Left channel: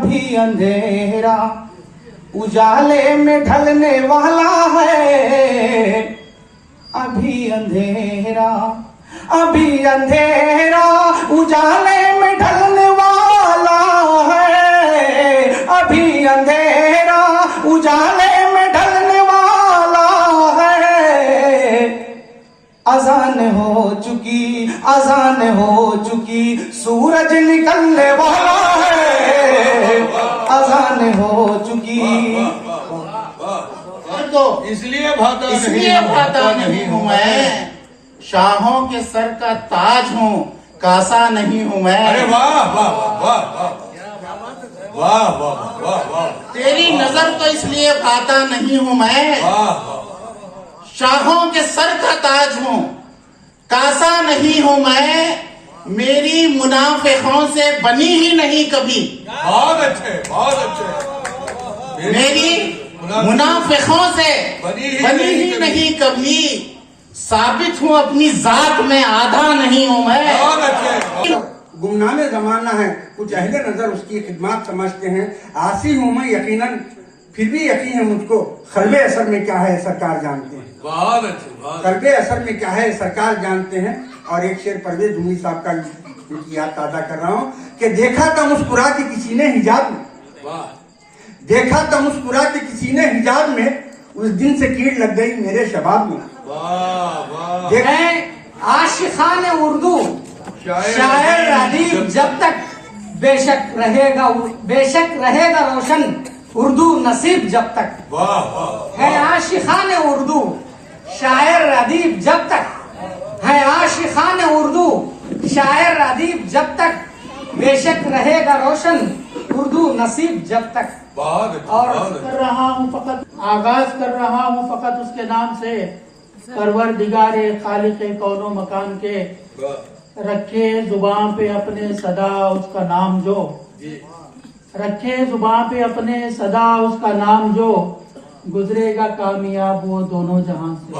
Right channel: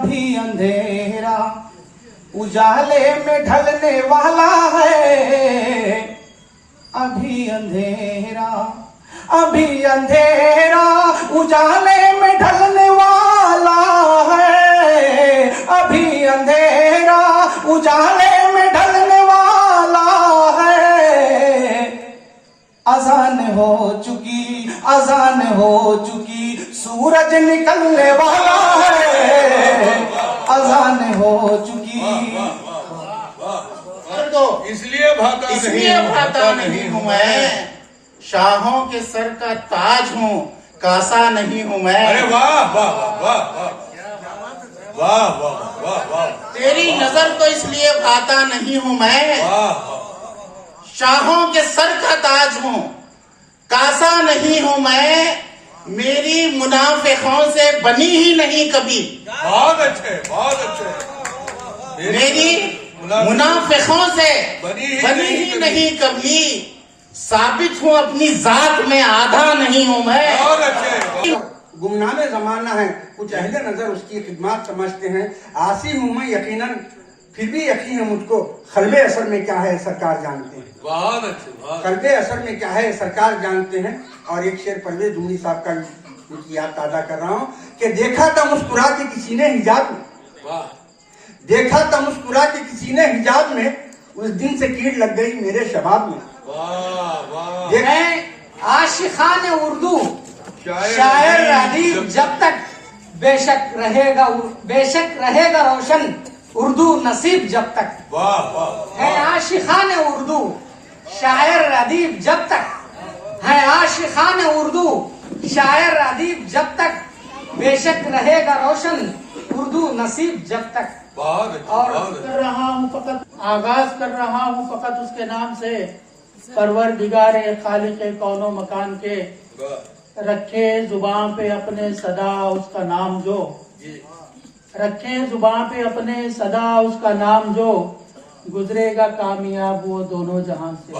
अभी अंधेरा उजाले में ढलने वाला है। अभी अंधेरा उजाले में ढलने वाला है। अभी अंधेरा उजाले में ढलने वाला है। अजान हो चुकी सूरज निकलने वाला है। अजान हो चुकी तो इसलिए भाता नहीं हूँ मैं, शाहों के सर का ताज हूँ, कासा नहीं हूँ मैं। अरे वाह वाह वाह वाह वाह वाह वाह वाह। तेरी नजर तो इसलिए भाता नहीं हूँ मैं, शाहों के सर का ताज हूँ, कासा नहीं हूँ मैं। मेरी मुनाफिकों से बनी ही नहीं कभी। बहुत अच्छे। मेरी मुनाफिकों से बनी ही नहीं कभी। साबित हूँ अपनी जात में, आधा नहीं हूँ मैं। बहुत अच्छे। गुमनामे जमाना है, कुछ अहले नजर उसकी खिदमत समझते हैं। आसी हूँ मैं यकीनन, फिर भी यकीन है मुझको, कल्बे असर में क्या है सरकार जानते हैं। बहुत अच्छे। कल्बे असर में क्या है सरकार जानते हैं। और एक शेर परवेज जुमली साहब का उनकी याद ताजा कर रहा हूँ कि देखा था मुस्कुरा के किसी ने हिजाब में, देखा था मुस्कुरा के किसी ने हिजाब में, उस दिन से कीड़ लग गई मेरे शबाब में। आशिकान उर्दू शायर अदीब जब तक बेशक रहेगा रोशन उर्दू नसीब जब तक है। आशिकान उर्दू शायर अदीब जब तक है। आशिकान उर्दू शायर अदीब जब तक बेशक रहेगा रोशन उर्दू नसीब जब तक। और कर रहा हूँ फकत, आगाज कर रहा हूँ फकत उसके नाम से, परवरदिगारे खालिक़े कौनो मकान के। रखे जुबान पे अपने सदा उसका नाम जो, रखे जुबान पे अपने सदा उसका नाम जो, गुजरेगा कामयाब वो दोनों जहां से।